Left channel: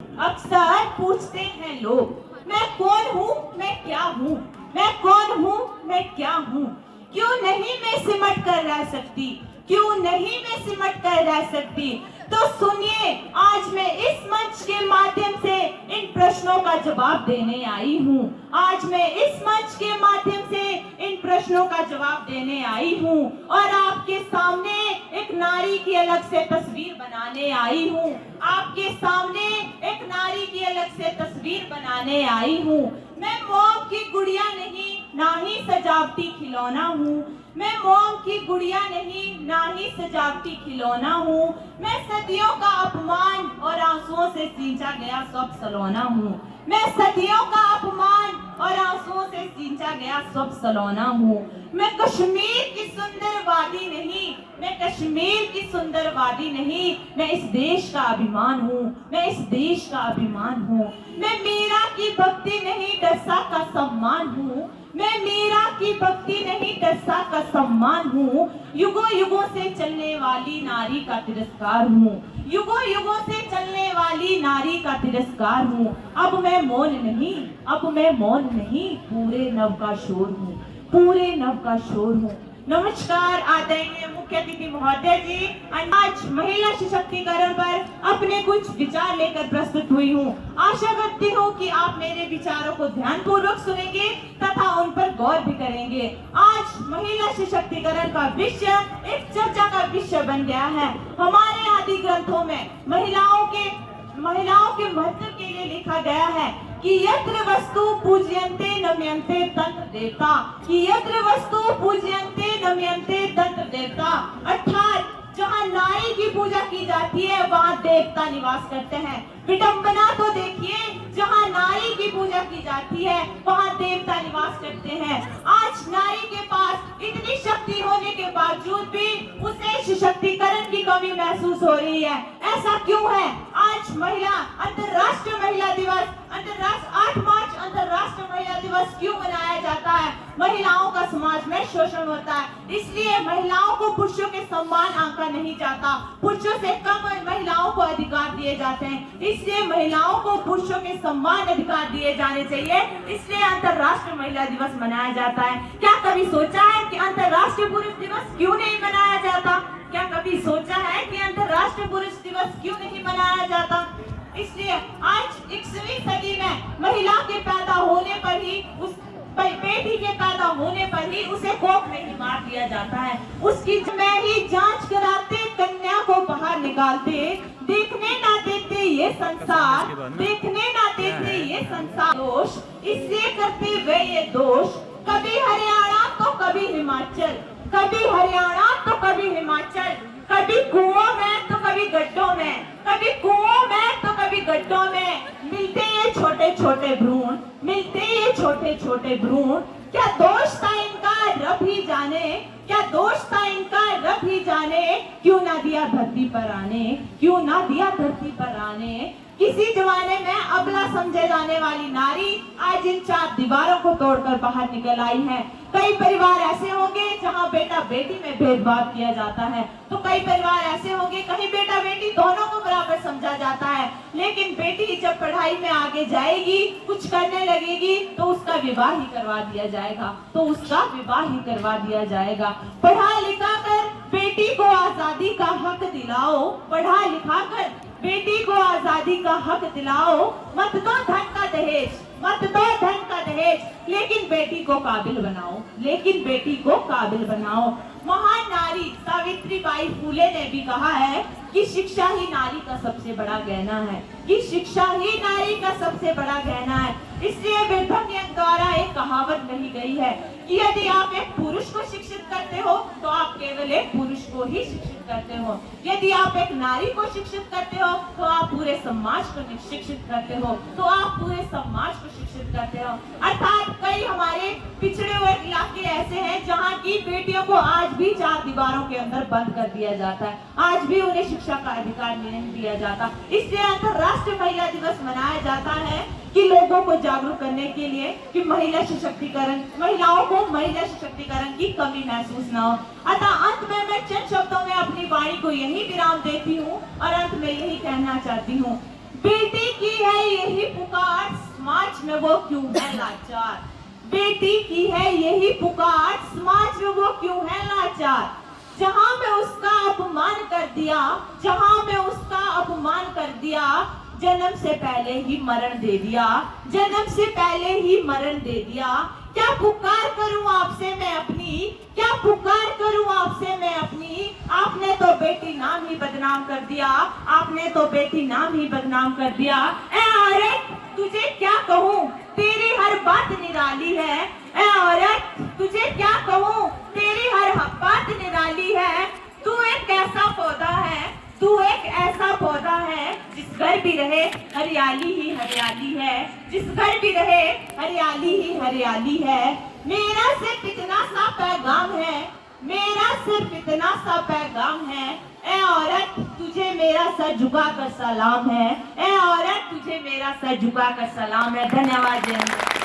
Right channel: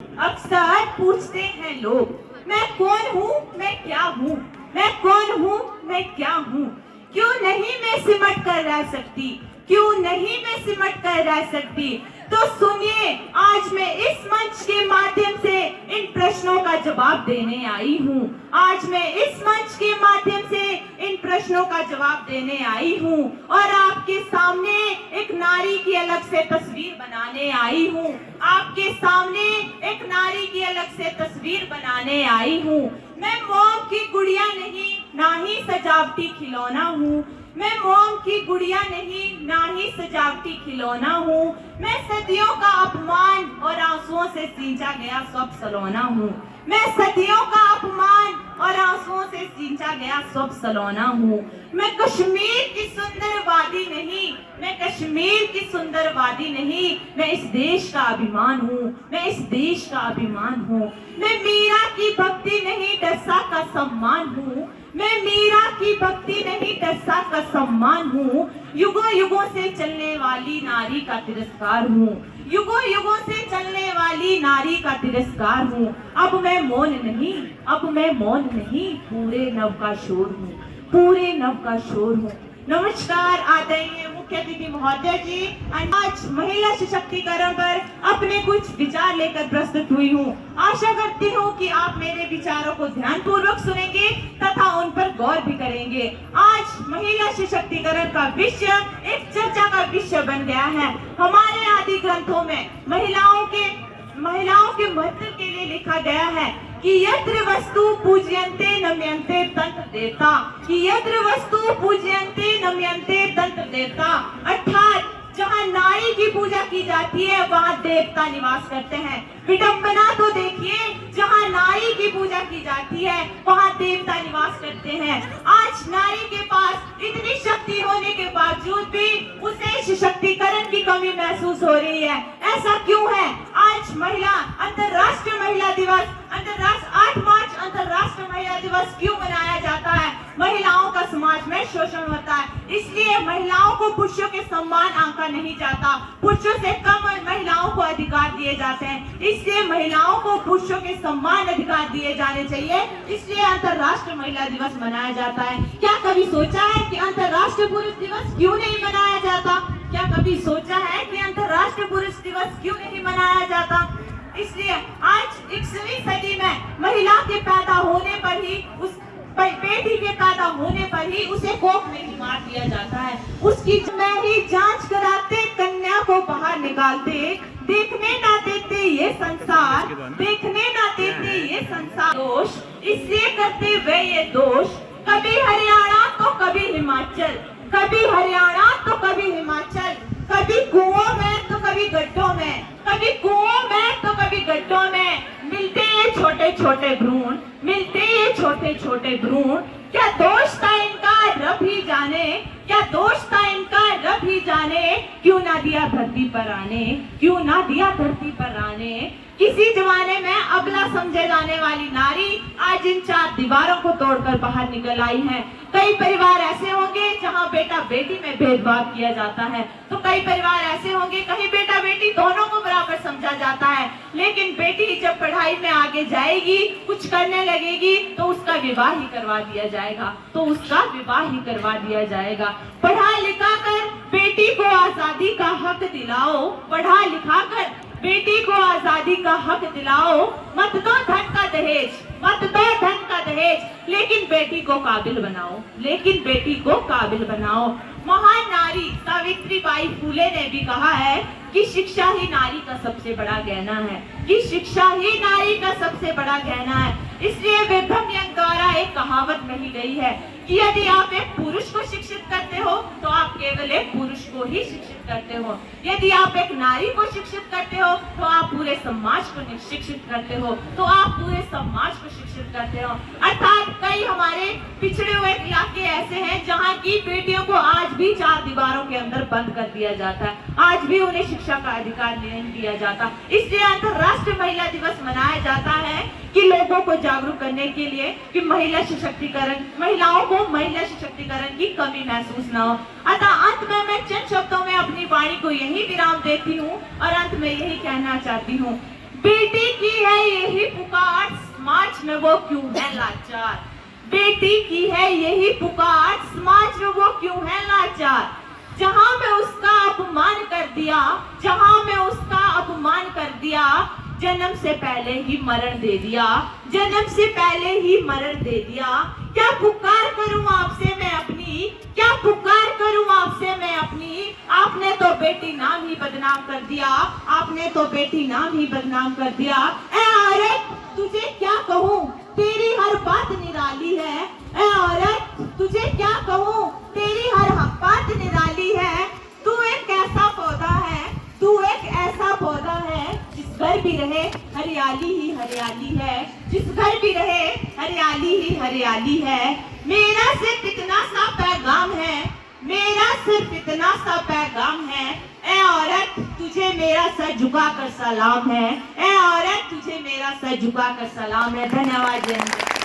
अक्सर पूछते हैं लोग, मैं कौन हूँ, मैं क्या हूँ, मैं कौन हूँ, मैं क्या हूँ। क्यों नहीं मैं सिमट कर रह सकती, क्यों नहीं मैं सिमट कर रह सकती। तो सुनिए, आज मैं इस मंच के माध्यम से इन प्रश्नों का जवाब देने आई हूँ। आज मैं इस मंच के माध्यम से इन प्रश्नों का जवाब देने आई हूँ और आपके सामने एक नारी की अलग से तस्वीर बनाने आई हूँ। आपके सामने एक नारी की अलग से तस्वीर बनाने आई हूँ। मैं मोम की गुड़िया नहीं, ना ही सजावटी खिलौना हूँ। मैं मोम की गुड़िया नहीं, ना ही सजावटी खिलौना हूँ। मैं सदियों का अपमान और आंसुओं से सींचा गया सब सलोना हूँ। मैं सदियों का अपमान और आंसुओं से सींचा गया सब सलोना हूँ। मैं कश्मीर की सुंदर वादी नहीं, मैं कश्मीर की सुंदर वादी नहीं, मैं इस देश का अभिमान हूँ, मैं इस देश का अभिमान हूँ। मैं मीरा की भक्ति नहीं, दरसा का सम्मान हूँ। मैं मीरा की भक्ति नहीं, दरसा का सम्मान हूँ। युगों युगों से चलने वाली नारी का तिरस्कार हूँ। युगों युगों से चलने वाली नारी का तिरस्कार हूँ। अब मैं मौन नहीं, अब मैं मौन नहीं, पूरे नव का शोर हूँ, पूरे नव का शोर हूँ। नमस्कार आदरणीय मुख्य अतिथि महोदय जी, आज महिला सशक्तिकरण पर अपने कुछ विचार लेकर प्रस्तुत हुई हूँ। आशा करती हूँ कि आप मेरे विचारों को ध्यानपूर्वक सुनेंगे तथा उन पर गौर भी करेंगे। आज महिला सशक्तिकरण का विषय एक चर्चा का विषय बन गया है। हमारे आदि ग्रंथों में महिलाओं के महत्व के लिए लिखा गया है कि यत्र वस्तु पूज्यन्ते नम्यन्ते तंत्र देवता, कि यत्र वस्तु पूज्यन्ते नम्यन्ते तंत्र देवता, अर्थात जहाँ नारी की पूजा की जाती है वहाँ देवता निवास करते हैं। विडंबना तो देखिए, जहाँ नारी की पूजा की जाती है वहाँ देवता निवास करते हैं। आज नारी के पास इतनी शक्ति होने के बावजूद भी उसे सशक्तिकरण की कमी महसूस हो रही है। ऐसा क्यों है? आज अंतर्राष्ट्रीय महिला दिवस, 8 मार्च अंतर्राष्ट्रीय महिला दिवस क्यों मनाया जाता है? महिलाओं का समाज में शोषण होता है, इसलिए महिलाओं को पुरुषों के सम्मान आंका नहीं जाता। पुरुषों से कम महिलाओं को अधिकार दिए जाते हैं, इसलिए महिलाओं को पुरुषों के सम्मान अधिकार दिए जाने चाहिए, इसलिए अंतर्राष्ट्रीय महिला दिवस मनाया जाता है। क्या कभी सोचा है कि अंतर्राष्ट्रीय पुरुष दिवस क्यों नहीं मनाया जाता? क्या कभी सोचा है कि अंतर्राष्ट्रीय पुरुष दिवस क्यों नहीं मनाया जाता? इसलिए आज 21वीं सदी में महिला के पैदा होने पर ही, उस बेटी के पैदा होने पर ही उसे कोख में ही मार दिया जाता है। उसकी में ही जांच कराते, कन्या को बाहर निकालते, देखने ना देखते ये संसार, देखने ना देखते ये संसार। दोष इसलिए करते वे ये दोष, कभी हरियाणा तो कभी हिमाचल, कभी हरियाणा तो कभी हिमाचल, कभी कुओं में तो कभी गड्ढों में, कभी कुओं में तो कभी गड्ढों में, मिलते ये छोटे छोटे भ्रूण, मिलते ये छोटे छोटे भ्रूण। क्या दोष था इनका रब ही जाने, क्या दोष था इनका रब ही जाने, क्यों ना दिया धरती पर आने, क्यों ना दिया धरती पर आने। किसी जमाने में अबला समझे जाने वाली नारी आज इन 4 दीवारों को तोड़कर बाहर निकल आई है। कई परिवार ऐसे होंगे जहां बेटा बेटी में भेदभाव किया जाता है, तो कई परिवार ऐसे होंगे कहीं बेटा बेटी दोनों को बराबर समझा जाता है, लेकिन बेटी जब पढ़ाई में आगे जाएगी, कुछ करने लगेगी तो उसका विवाह ही करवा दिया जाएगा, तो उसका विवाह ही करवा दिया जाएगा। पढ़ा लिखा कर बेटी को आजादी का हक दिलाओ, पढ़ा लिखा कर बेटी को आजादी का हक दिलाओ, मत दो धन का दहेज, मत दो धन का दहेज, लेकिन बेटी को काबिल बनाओ, लेकिन बेटी को काबिल बनाओ। महान नारी सावित्रीबाई फूले ने भी कहा है कि शिक्षा ही नारी का सबसे बड़ा गहना है, कि शिक्षा ही नारी का सबसे बड़ा गहना है। इसलिए विक्रम यंग द्वारा एक कहावत कही गई है कि यदि आप एक पुरुष को शिक्षित करते हो तो आप केवल एक पुरुष को ही शिक्षित करते हो, यदि आप एक नारी को शिक्षित करते हो तो आप पूरे समाज को शिक्षित करते हो, तो आप पूरे समाज को शिक्षित करते हो। अर्थात कई हमारे पिछड़े हुए इलाके ऐसे हैं जहाँ की बेटियों को आज भी 4 दीवारों के अंदर बंद कर दिया जाता है, आज भी उन्हें शिक्षा का अधिकार नहीं दिया जाता। इसलिए अंतर्राष्ट्रीय महिला दिवस मनाया जाता है कि लोगों को जागरूक करने के लिए कि महिला सशक्तिकरण, महिलाओं को महिला सशक्तिकरण की कमी महसूस ना हो। अतः अंत में मैं चंद शब्दों में अपनी वाणी को यही विराम देती हूँ और अंत में यही कहना चाहती हूँ, बेटी की है यही पुकार, समाज में वो क्यों है लाचार। बेटी की है यही पुकार, समाज में वो क्यों है लाचार। जहां मैं उसका अपमान कर दिया, जहां मैं उसका अपमान कर दिया, जन्म से पहले ही मरण दे दिया, जन्म से पहले ही मरण दे दिया। क्या पुकार करूं आपसे मैं अपनी, क्या पुकार करूं आपसे मैं अपनी। आपने तो बेटी नाम ही बदनाम कर दिया, आपने तो बेटी नाम ही बदनाम कर दिया। ए औरत तुझे क्या कहूं, तेरी हर बात निराली है। ए औरत तुझे क्या कहूं, तेरी हर बात निराली है। तू एक ऐसा पौधा है, तू एक ऐसा पौधा है, जिस घर भी रहे हरियाली ही हरियाली है, जिस घर भी रहे हरियाली ही हरियाली है। मेरा सिर्फ इतना सा पैगाम है, मेरा सिर्फ इतना सा पैगाम है। ए औरत तुझे मेरा सर झुका कर सलाम है। ए औरत तुझे मेरा सर झुका कर सलाम है। धन्यवाद जय हिंद।